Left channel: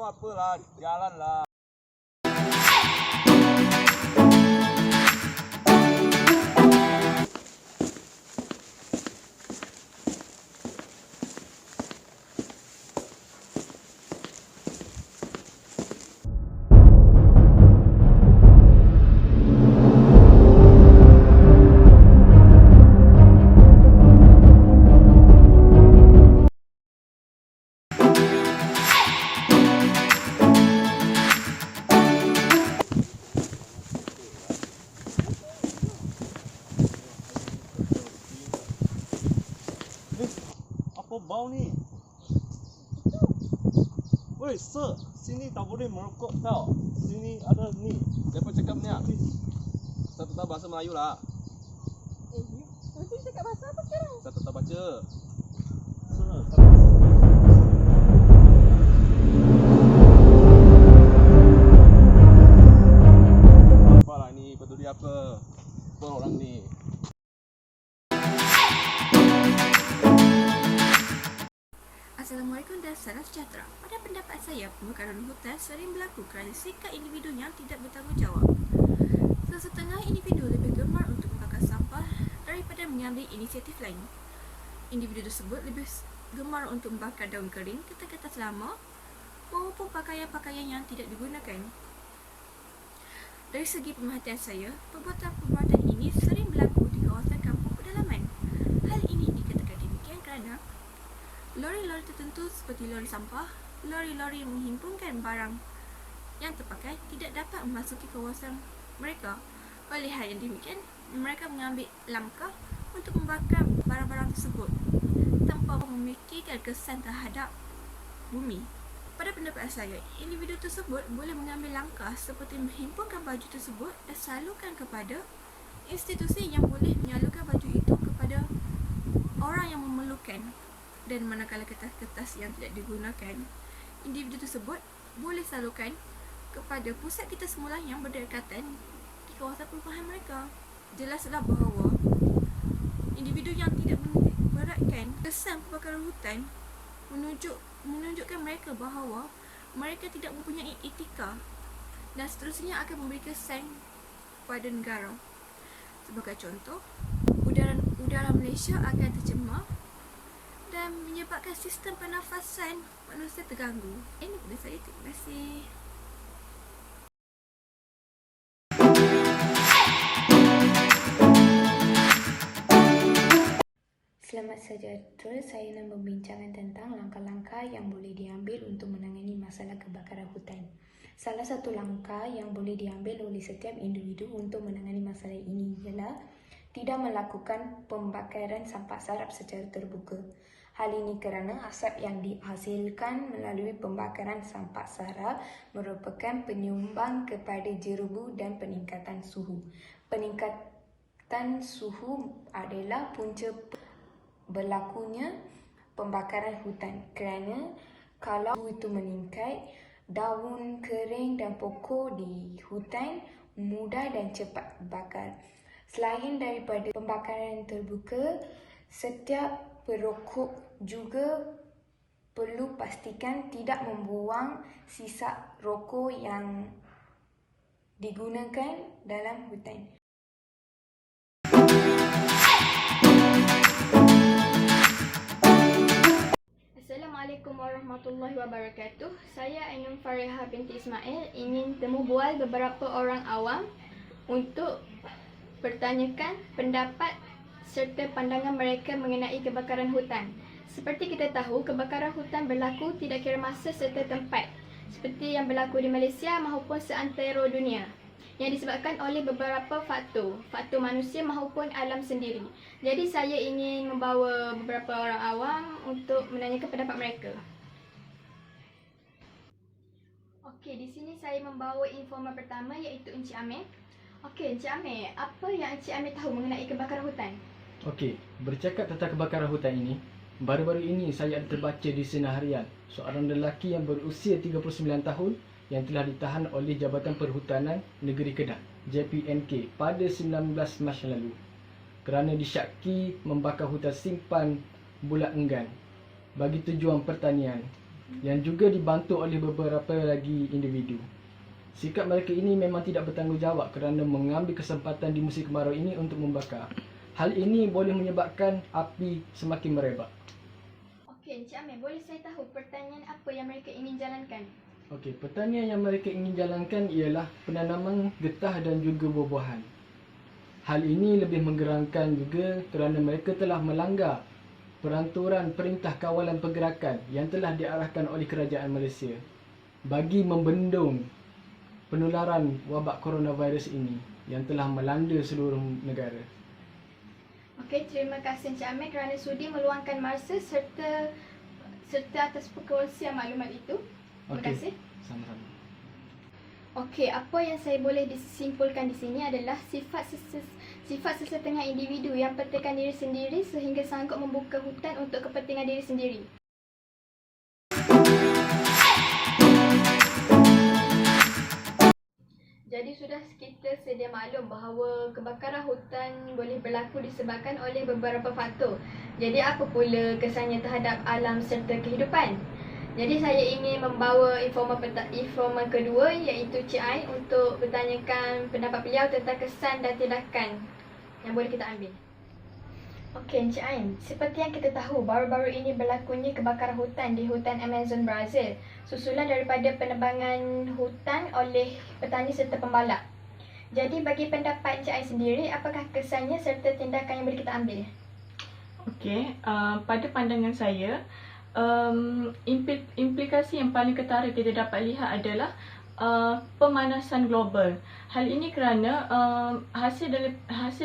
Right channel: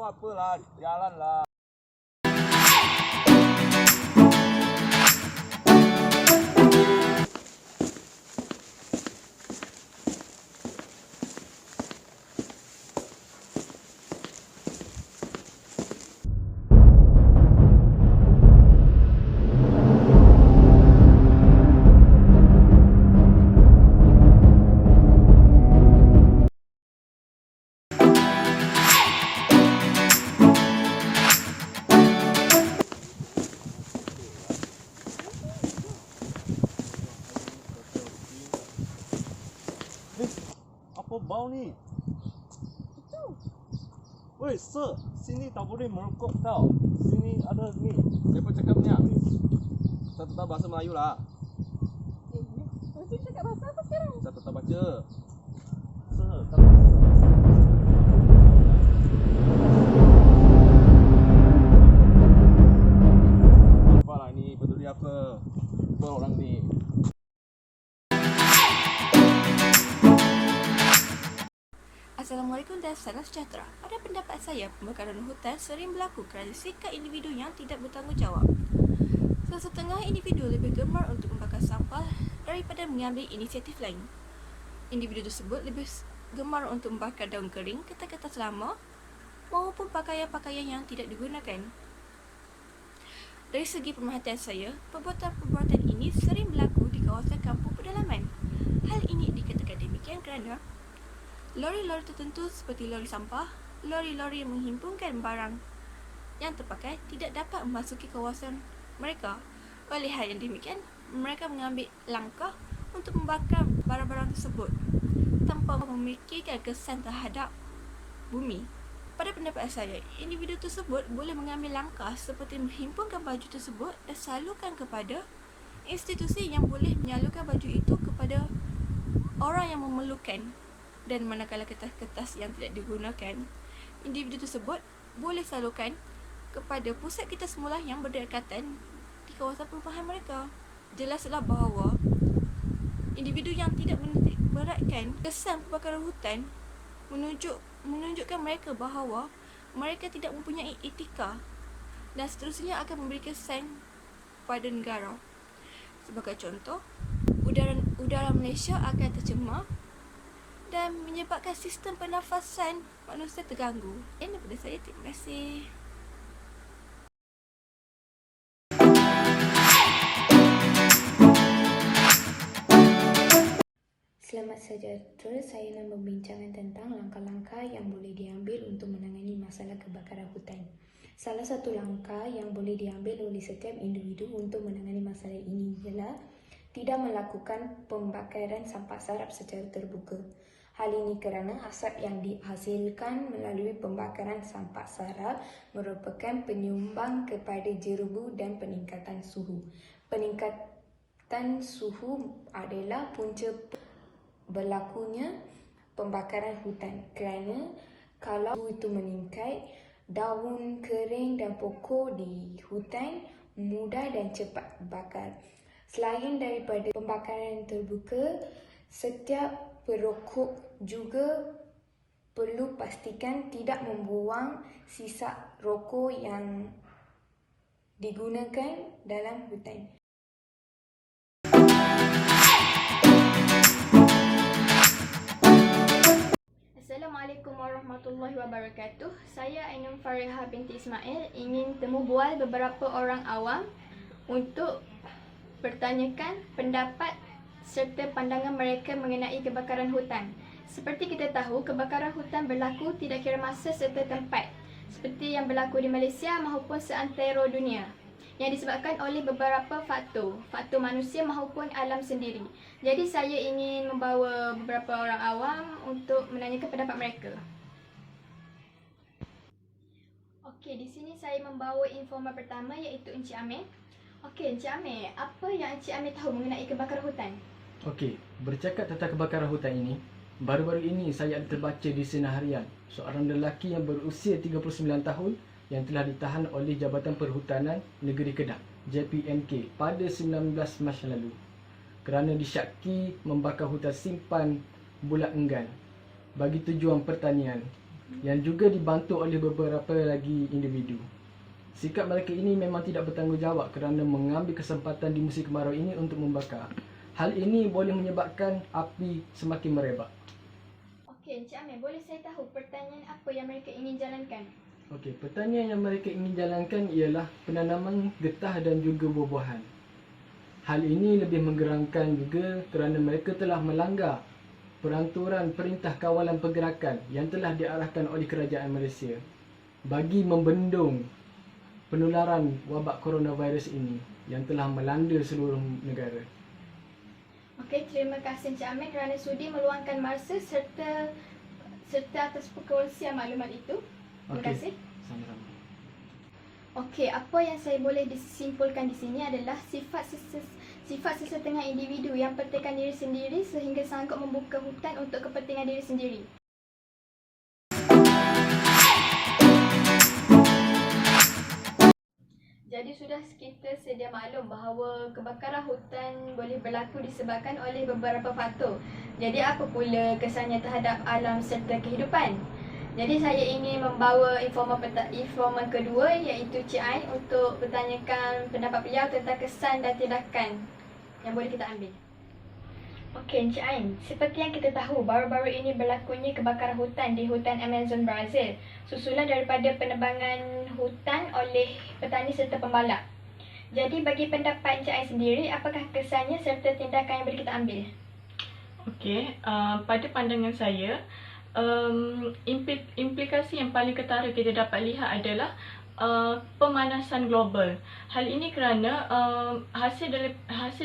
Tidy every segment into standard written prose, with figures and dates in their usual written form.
tengok apalah, jalanlah. Apa bau ni? Woi, sir, sini tak boleh merokok tau. Sini ada ni. Siapa cakapnya? Saya tak tahu bahasa Melayu lah. Tapi cakap bahasa apa sekarang? Saya tak tahu baca. Sir, Apalah ni, peduli apa? Apa orang ni? Assalamualaikum dan salam sejahtera. Pada pendapat saya, pembakaran hutan sering berlaku kerana sikap individu yang tidak bertanggungjawab. Sesetengah individu lebih gemar untuk membakar sampah daripada mengambil inisiatif lain. Individu tersebut lebih gemar untuk membakar daun kering, kertas-kertas lama maupun pakaian-pakaian yang tidak digunakan. Dari segi pemerhatian saya, perbuatan-perbuatan ini sering berlaku di kawasan kampung pedalaman. Hal ini dikatakan demikian kerana lori-lori tertentu seperti lori sampah, lori-lori yang menghimpunkan barang yang terpakai tidak dapat memasuki kawasan mereka. Oleh hal yang demikian, mereka mengambil langkah untuk membakar barang-barang tersebut tanpa memikirkan kesan terhadap bumi. Pada pendapat saya, individu tersebut boleh mengambil langkah seperti menghimpunkan baju tersebut dan salurkan kepada institusi yang boleh menyalurkan baju itu kepada orang yang memerlukan. Dan manakala kertas-kertas yang tidak digunakan, individu tersebut boleh salurkan kepada pusat kita semula yang berdekatan di kawasan perumahan mereka. Jelaslah bahawa individu yang tidak menitikberatkan kesan pembakaran hutan menunjukkan mereka bahawa mereka tidak mempunyai etika dan seterusnya akan memberi kesan pada negara. Sebagai contoh, udara Malaysia akan tercemar dan menyebabkan sistem pernafasan manusia terganggu. Ini daripada saya, terima kasih. Selamat sejahtera, saya nak membincangkan tentang langkah-langkah yang boleh diambil untuk menangani masalah kebakaran hutan. Salah satu langkah yang boleh diambil oleh setiap individu untuk menangani masalah ini ialah tidak melakukan pembakaran sampah sarap secara terbuka. Hal ini kerana asap yang dihasilkan melalui pembakaran sampah sarap merupakan penyumbang kepada jerubu dan peningkatan suhu. Peningkatan suhu adalah punca berlakunya pembakaran hutan kerana kalau suhu itu meningkat, daun kering dan pokok di hutan mudah dan cepat bakar. Selain daripada pembakaran terbuka, setiap perokok juga perlu pastikan tidak membuang sisa rokok yang digunakan dalam hutan. Assalamualaikum warahmatullahi wabarakatuh. Saya Ainun Fariha binti Ismail ingin temu bual beberapa orang awam untuk bertanyakan pendapat serta pandangan mereka mengenai kebakaran hutan. Seperti kita tahu, kebakaran hutan berlaku tidak kira masa serta tempat, seperti yang berlaku di Malaysia maupun seantero dunia, yang disebabkan oleh beberapa faktor manusia maupun alam sendiri. Jadi saya ingin membawa beberapa orang awam untuk menanyakan pendapat mereka. Okey, di sini saya membawa informan pertama iaitu Encik Amir. Okey, Encik Amir, apa yang Encik Amir tahu mengenai kebakaran hutan? Okey, bercakap tentang kebakaran hutan ini, baru-baru ini saya ada terbaca di Sinar Harian seorang lelaki yang berusia 39 tahun yang telah ditahan oleh Jabatan Perhutanan Negeri Kedah JPNK pada 19 Mac lalu kerana disyaki membakar hutan simpan bulat enggan bagi tujuan pertanian. yang juga dibantu oleh beberapa lagi individu. Sikap mereka ini memang tidak bertanggungjawab kerana mengambil kesempatan di musim kemarau ini untuk membakar. Hal ini boleh menyebabkan api semakin merebak. Okey, Encik Amir, boleh saya tahu pertanian apa yang mereka ingin jalankan? Okey, pertanian yang mereka ingin jalankan ialah penanaman getah dan juga buah-buahan. Hal ini lebih menggeramkan juga kerana mereka telah melanggar peraturan Perintah Kawalan Pergerakan yang telah diarahkan oleh Kerajaan Malaysia bagi membendung penularan wabak coronavirus ini yang telah melanda seluruh negara. Okey, terima kasih Encik Amir kerana sudi meluangkan masa serta atas perkongsian maklumat itu. Terima kasih. Sama-sama. Okey, apa yang saya boleh disimpulkan di sini adalah sifat sesetengah individu yang pentingkan diri sendiri sehingga sanggup membuka hutan untuk kepentingan diri sendiri. Jadi sudah kita sedia maklum bahawa kebakaran hutan boleh berlaku disebabkan oleh beberapa faktor. Jadi apa pula kesannya terhadap alam serta kehidupan? Jadi saya ingin membawa informan kedua iaitu Cik Ain untuk bertanyakan pendapat beliau tentang kesan dan tindakan yang boleh kita ambil. Okey Encik Ain, seperti yang kita tahu baru-baru ini berlakunya kebakaran hutan di hutan Amazon Brazil susulan daripada penebangan hutan oleh petani serta pembalap. Jadi bagi pendapat Encik Ain sendiri, apakah kesannya serta tindakan yang boleh kita ambil? Okey, pada pandangan saya, implikasi yang paling ketara kita dapat lihat adalah pemanasan global. Hal ini kerana hasil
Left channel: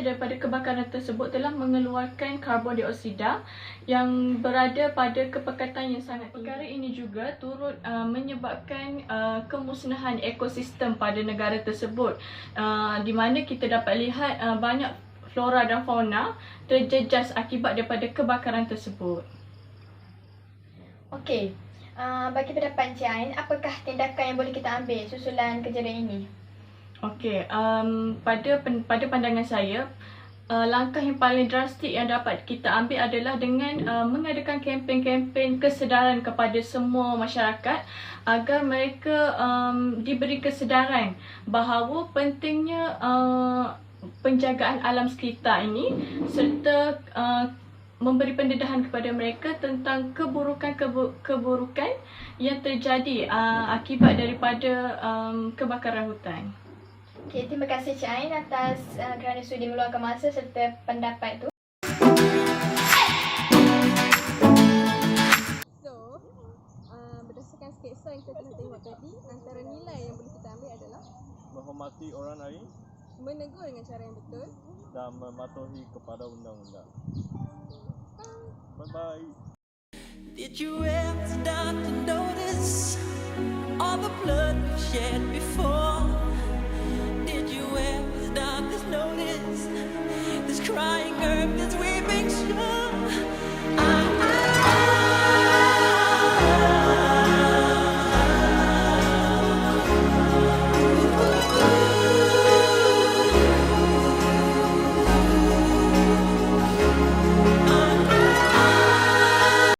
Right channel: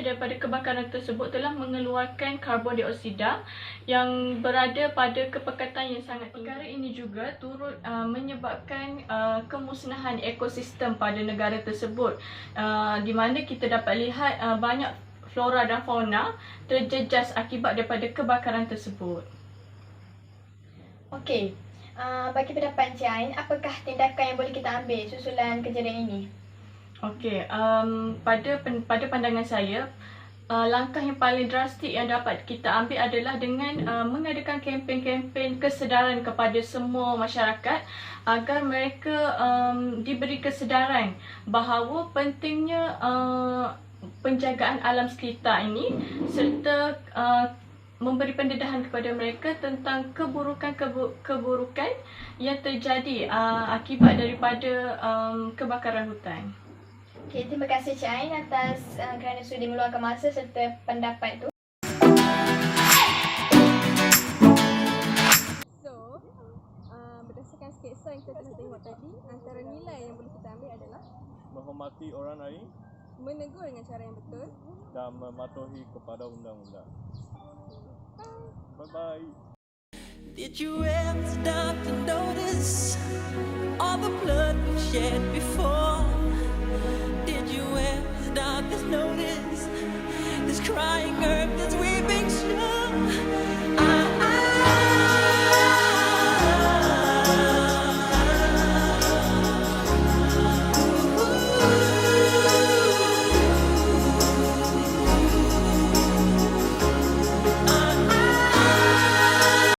daripada kebakaran tersebut telah mengeluarkan karbon dioksida yang berada pada kepekatan yang sangat tinggi. Perkara ini juga turut menyebabkan kemusnahan ekosistem pada negara tersebut, di mana kita dapat lihat banyak flora dan fauna terjejas akibat daripada kebakaran tersebut. Okey, bagi pendapat Encik Ain, apakah tindakan yang boleh kita ambil susulan kejadian ini? Okey, pada pandangan saya, langkah yang paling drastik yang dapat kita ambil adalah dengan mengadakan kempen-kempen kesedaran kepada semua masyarakat agar mereka diberi kesedaran bahawa pentingnya penjagaan alam sekitar ini serta memberi pendedahan kepada mereka tentang keburukan yang terjadi akibat daripada kebakaran hutan. Okey, terima kasih Cik Ain atas kerana sudi meluangkan masa serta pendapat itu. So, berdasarkan sketsa yang kita telah tengok tadi, antara nilai yang boleh kita ambil adalah Menghormati orang lain menegur dengan cara yang betul. dan mematuhi kepada undang-undang. Bye-bye. Did you ever stop to notice all the blood we've shed before? Did you ever stop to notice this crying earth, this weeping shore?